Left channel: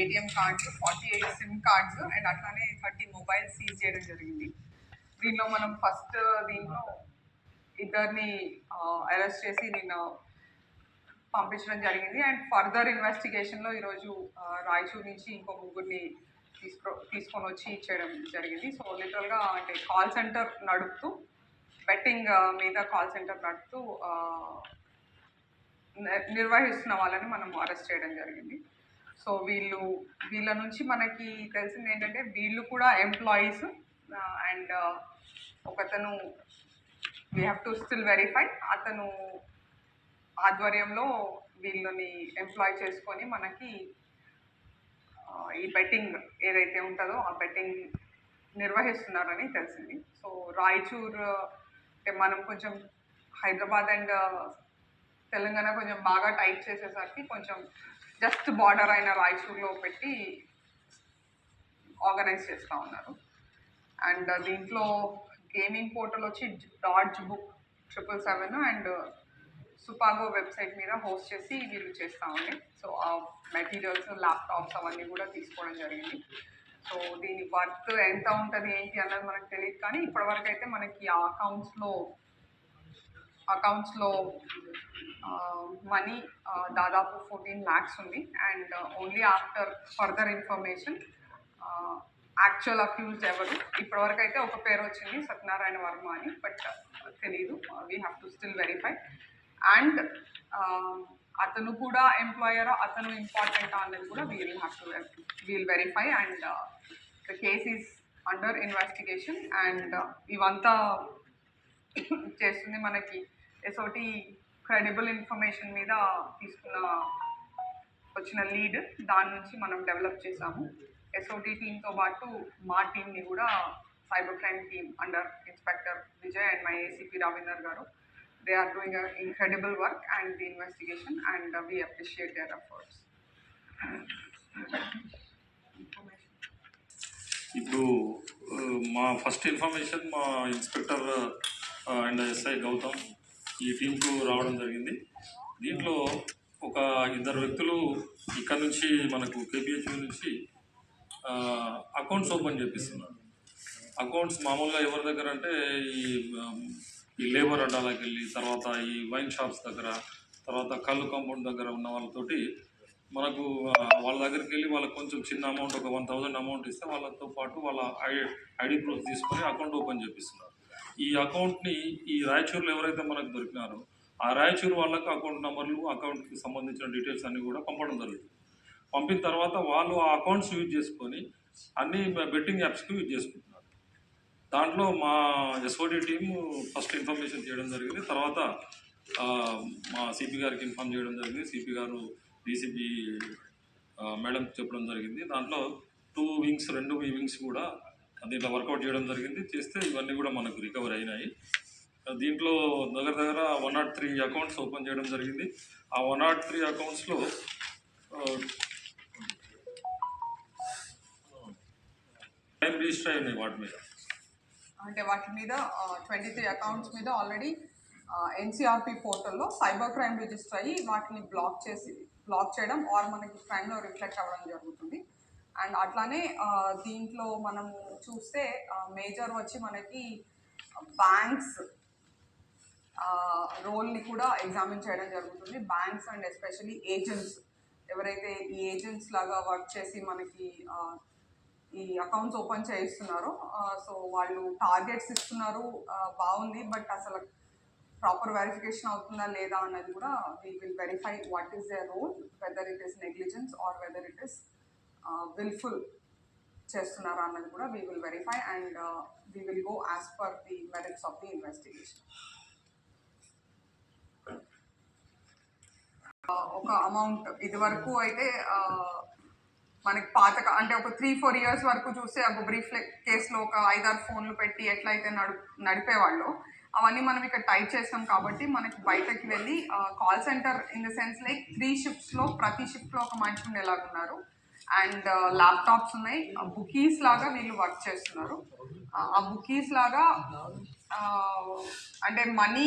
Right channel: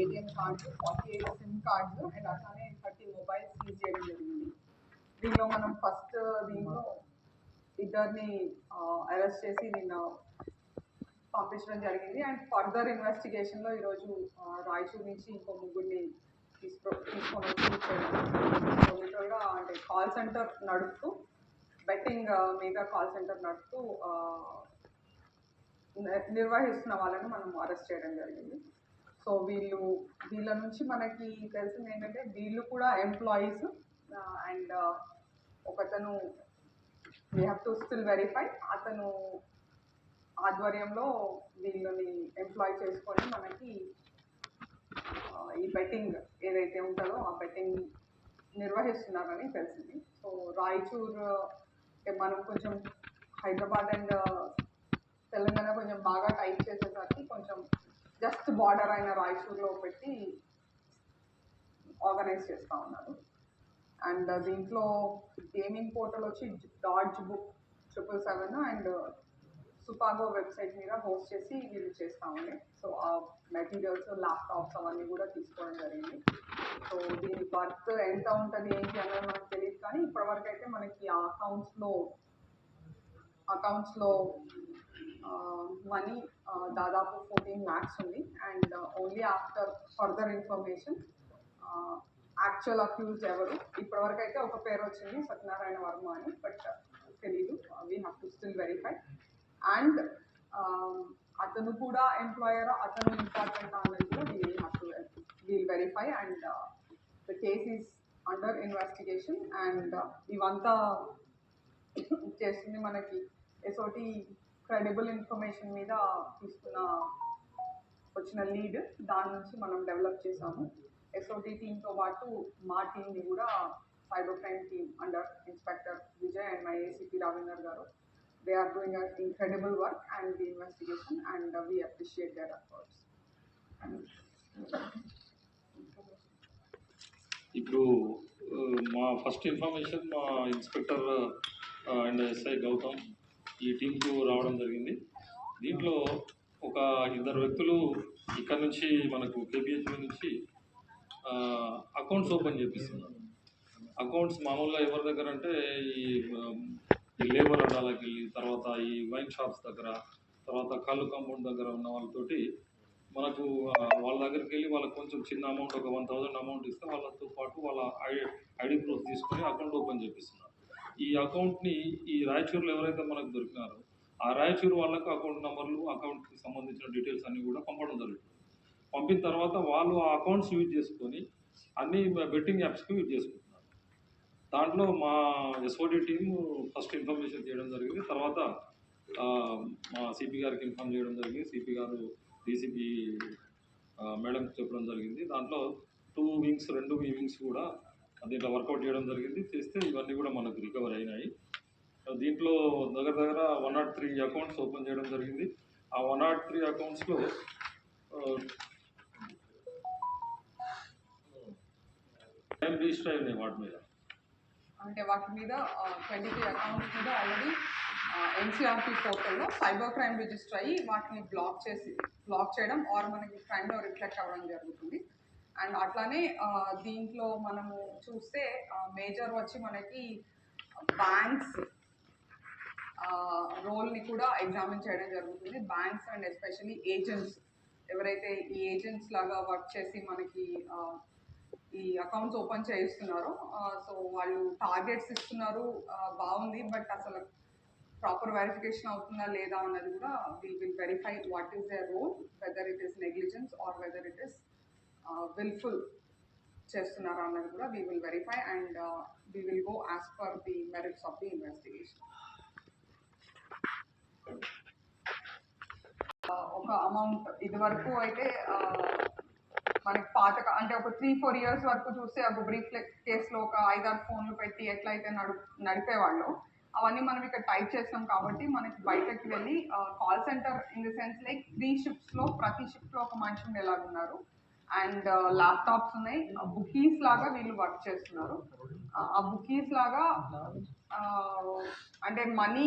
ATM cards, 48 SIM cards and అట్లానే 30 mobiles seize చేయడం జరిగింది. దీనిలో మనం ఫస్ట్ దీంట్లో ఇద్దరిని అరెస్ట్ చేసి నిన్న పంపించడం జరిగింది. అండ్ ఫర్దర్ ఇన్వెస్టిగేషన్లో ఈరోజు రాయచూర్ నుంచి ఇంకో ముగ్గురిని తీసుకొని వచ్చి ఇచ్చేయడం జరిగింది. సో లిటరల్గా అంటే కాల్ సెంటర్ నడుపుతూ బెట్టింగ్ మీద కాల్ సెంటర్ నడుపుతూ నిర్వహిస్తున్న వాళ్ళని మనం అరెస్ట్ చేయడం జరిగింది. సో వీళ్ళ నుంచి మనకి తెలిసింది ఏంటంటే వీళ్ళు కూడా ఎంప్లాయీస్ అండ్ ఒకతను we have to still verify అతను ఆధ్వర్యంలో వీళ్ళని ఎంప్లాయ్ చేసుకొని మనకి ఈ బెట్టింగ్ ఏదైతే ఉంటుందో ఆ బెట్టింగ్ నిర్వహిస్తున్నారని తెలిసింది. సో రాయచూర్ మనం కొంచెం హైదరాబాద్ అండ్ తెలంగాణ కొంచెం బాగా టైట్ చేసేసరికి కొంచెం జస్ట్ బార్డర్ అయిన రాయచూర్లో పెట్టి ఆర్గనైజ్ చేస్తూ ఉన్నారు. అండ్ దీంట్లో గేమింగ్ పోర్టల్ వచ్చి డాడ్జ్ బుక్ 777 అండ్ సుపాగో వెబ్సైట్ మీద హోస్ట్ చేసి వీళ్ళు చేస్తూ ఉండే. సో ఆ మెటీరియల్స్, ల్యాప్టాప్స్ అవన్నీ కూడా తీసుకోవడం జరిగింది. సో దీని వర్త్ ఎంత ఉంటుంది ఏంటి అన్నది మనకు తెలియదు, కానీ ఇప్పటివరకు అయితే మనకి ఆ అకౌంట్స్లో మనీ దాదాపు 14 lakhs ఉంది. And only after further information actual accused ఎవరు ఇప్పటివరకు అయితే ఒక పేరు వచ్చింది, సత్యనారాయణ వర్మ అని, బట్ తెలీదు. We have to still verify. And అతను కూడా ఎంప్లాయర్, అతను ఇంపార్టెంట్ అనేది కూడా we'll verify. And the case is under investigation. And ఇవంతా చేస్తుంది మనకి ఎస్ఓటి క్రెడిబుల్ ఇన్ఫర్మేషన్ మీద వచ్చిన లీడ్, దాని నుంచి మనం డెవలప్ చేసాము. ఎస్ఓటి టీంతో పాటు మా టీంని కూడా cyber crime team under inspector Vijay and my ACP Ravinder గారు, they are doing an incredible work and the investigation, and we appreciate their efforts. ఇప్పుడు మా ఫస్ట్ ఇన్ఫర్మేషన్ మా ఇన్స్పెక్టర్ అండ్ ఎస్ఐ గౌతమ్ ఈ టీంకు రావడం జరిగింది. దీంట్లో ఒక ఇద్దరు వ్యక్తులు ఇక్కడ నుంచి మనకు కేపీహెచ్బి నుంచి అకౌంట్స్ ఓపెన్ చేపిస్తున్నారు. అకౌంట్స్ మామూలుగా ఎవరి దగ్గర అంటే ఈ లేబర్ అడ్డాలకు వెళ్ళి, తర్వాత ఈ వైన్ షాప్స్ దగ్గర, తర్వాత కళ్ళు కాంపౌండ్ దగ్గర ఉన్న వాళ్ళతోటి మనకు వాళ్ళ దగ్గరికి వెళ్ళి వాళ్ళకి కొంచెం చిన్న అమౌంట్, ఒక 1000 అమౌంట్ ఇస్తే వాళ్ళతో పాటు వాళ్ళ ఐడి ప్రూఫ్ తీసుకొని అకౌంట్ ఓపెన్ చేపిస్తున్నారు. ఈ అకౌంట్ని ఈ రాయచూరులో ఎవరైతే మనకు దొరికినారో ఆ రాయచూరు వాళ్ళకు అకౌంట్ నెంబర్లు, అకౌంట్కి సంబంధించిన డీటెయిల్స్ అన్నీ కూడా పంపడం జరుగుతుంది. పంపిన తర్వాత వాళ్ళు ఆ అకౌంట్స్ యూజ్ చేసుకొని అన్ని బెట్టింగ్ యాప్స్కి యూజ్ చేసుకుంటున్నారు. దాంట్లో మా ఎస్ఓడి టీము ఫస్ట్ ఇన్ఫర్మేషన్ చేయడం జరిగింది. తర్వాత మా సిపి గారికి ఇన్ఫార్మ్ చేయడం జరిగింది. సిపి గారు డీసీపీ మేడంకి చెప్పడం జరిగింది. దాంట్లో 2 వింగ్స్ కూడా దీంట్లో వర్కౌట్ చేయడం జరిగింది. చేస్తే ఇవన్నీ కూడా మనకు రికవర్ అయినాయి. దీంట్లో దగ్గర 103 అకౌంట్స్ ఓపెన్ చేయడం జరిగింది. ఆ 103 అకౌంట్స్లో టైం రిజిస్టర్ అయి ఉన్నాయి. వాటి మీద 23 అకౌంట్స్ మీద ఆల్రెడీ ఎన్సీఆర్పీ పోర్టల్లో సైబర్ క్రైమ్ రిజిస్టర్ అయ్యి వాటిని బ్లాక్ చేయడం ఆర్ మనకి క్రైమ్లో రిఫ్లెక్ట్ అవ్వడం జరుగుతుంది. అండ్ అట్లానే దీంట్లో మనము చూస్తే మేజర్ వచ్చి మనకి బ్యాంక్స్ రోల్ని కూడా ఎగ్జామిన్ చేయడం జరుగుతుంది. బ్యాంక్స్ అండ్ ఎస్పెషలీ ఏజెంట్స్, ఎవరైతే ఈ ఏజెంట్స్ లాగా వర్క్ చేసి మనకి ఈ అకౌంట్స్ ఓపెన్ చేయిస్తున్నారు. సో వాళ్ళు టార్గెట్స్ ఇస్తున్నారు, బాగుంది, బట్ అసలు ప్రాపర్ వెరిఫికేషన్ అవుతుందా లేదా అన్నది కూడా we will verify what is there role, whether it is negligence or whether it is wilful చేస్తున్నారా అన్నది కూడా we will verify. And we will go as per the merits of the investigation. ఒక amount ఇది వరకు అయితే మనకి అంటే ఒక 3-4 years వరకు చూస్తే ఒక బ్రీఫ్ కేసులో ఒక 5-6 ఫోన్లు పెట్టి ఎట్లయితే నడిపేవాళ్ళు అవన్నీ మనం ఇక్కడ టైప్ చేస్తాం. కాబట్టి మనకి బయటకి వెళ్ళి call centre in the sense like 3 shiftsలో ప్రతి షిఫ్ట్లో ఒక మనిషి ఉండేలాగున్నారు. అండ్ ల్యాప్టాప్స్ ఉన్నాయి. బుకీస్ లాగా వీళ్ళు వర్క్ చేస్తున్నారు. ఆ బుకీస్ లాగా అంటే మనీ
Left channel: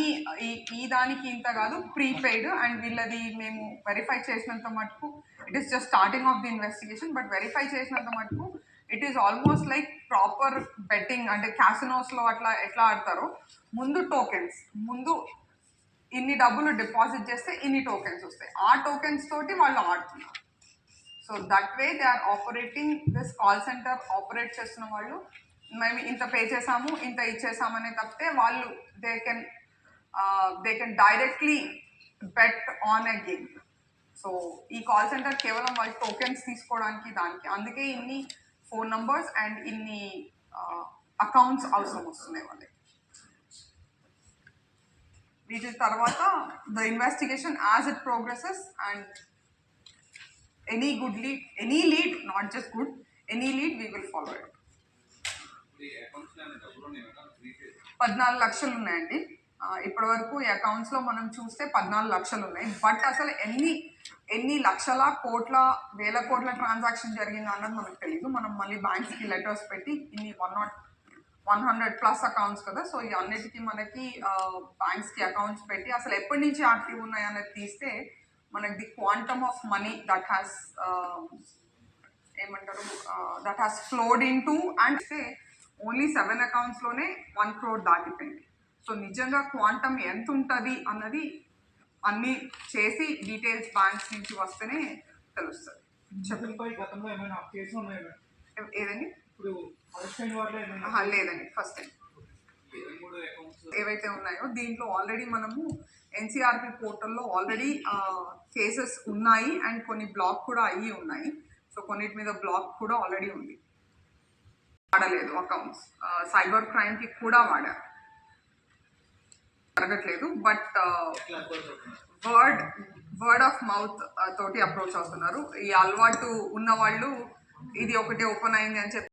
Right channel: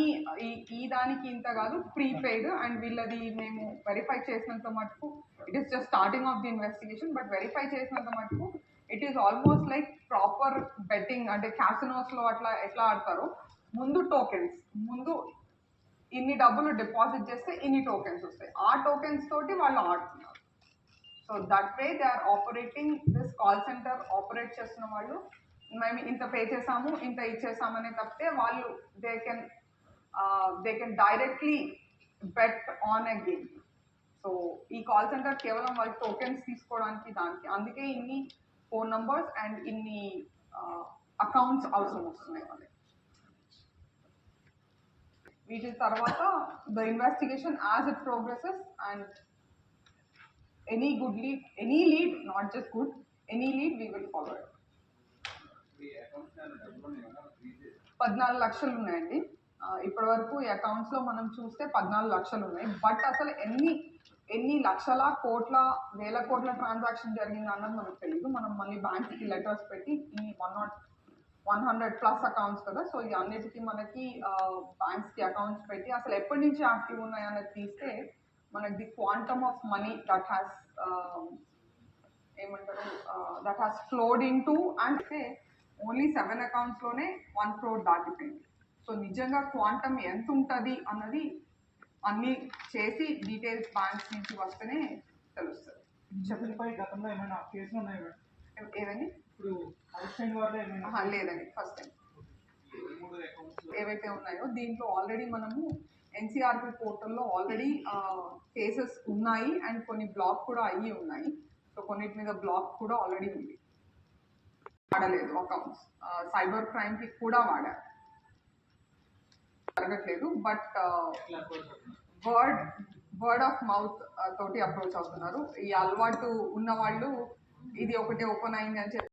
ఈ దానికి ఇంత కాదు, ప్రీపెయిడ్. అండ్ వీళ్ళది మేము వెరిఫై చేసినంత మటుకు it is just starting of the investigation, but verify చేసినంత మటుకు it is almost like proper betting. అంటే క్యాసినోస్లో అట్లా ఎట్లా ఆడతారో, ముందు టోకెన్స్, ముందు ఇన్ని డబ్బులు డిపాజిట్ చేస్తే ఇన్ని టోకెన్స్ వస్తాయి, ఆ టోకెన్స్ తోటి వాళ్ళు ఆడుతున్నారు. So that way they are operating this call centre. Operate చేస్తున్న వాళ్ళు మేము ఇంత పే చేసాము, ఇంత ఇచ్చేసామనే తప్పితే వాళ్ళు they can directly bet on a game. So ఈ కాల్ సెంటర్ కేవలం వాళ్ళు టోకెన్స్ తీసుకోవడానికి, దానికి అందుకే ఇన్ని ఫోన్ నంబర్స్ అండ్ ఇన్ని అకౌంట్స్ అవసరం వస్తున్నాయి వాళ్ళకి. వీటి తర్వాత the investigation as it progresses and any good lead, any lead, not just good, any lead, we will follow it. 14 లక్షలు ఉన్నాయండి ఇప్పటి వరకు. ఈ అకౌంట్స్లో మనం చూస్తే 14 లక్షలు ఉన్నాయి. బట్ అసలు ఎన్ని లక్షల కోట్ల వేల కోట్ల ట్రాన్సాక్షన్ జరిగిందో అన్నది మనకు తెలియదు. మనం మళ్ళీ బ్యాంక్స్కి లెటర్స్ పెట్టి ఇన్ని 100+ అకౌంట్స్ కదా, సో ఈ అన్నిటికీ మనకి బ్యాంక్స్కి అకౌంట్స్ పెట్టి అసలు ఎప్పటి నుంచి యాక్టివ్ ఉన్నాయి అన్నది తీస్తే మనకి the quantum of money that has ఏమంటారు that has flowed into and only 7 అకౌంట్స్లోనే 1 crore దాటిపోయింది. సో నిజంగా క్వాంటమ్ ఎంత ఉంటుంది అన్నది అన్నీ చేసి డీటెయిల్స్ బ్యాంక్స్ నుంచి వస్తేనే తెలుస్తుంది. గతంలో ఏమైనా కేసులు ఉన్నాయా? ఏదండి? ఇప్పుడు లేదండి, ఫస్ట్ టైం. ఏవైతే ఉన్నాయో దీంట్లో ఆల్రెడీ మనము ఎన్సీఆర్పి పోర్టల్లో ఆల్రెడీ కేసెస్ ఉన్నాయి అండ్ కొన్ని బ్లాక్ కూడా అయ్యి ఉన్నాయి. సో కొన్నిటి మీద బ్లాక్ కూడా ఆల్రెడీ ఉంది. వాడలేదు అకౌంట్స్, సైబర్ క్రైమ్కి కూడా వాడారు, జరగట్లేదు. బట్ వర్డ్ ఆఫ్ మౌత్ తోటి అప్రోచ్ అవుతున్నారు. ఈ అలవాటు ఉన్న వాళ్ళు ఇది ఒకటి ఓపెన్ అయింది అని చెప్పి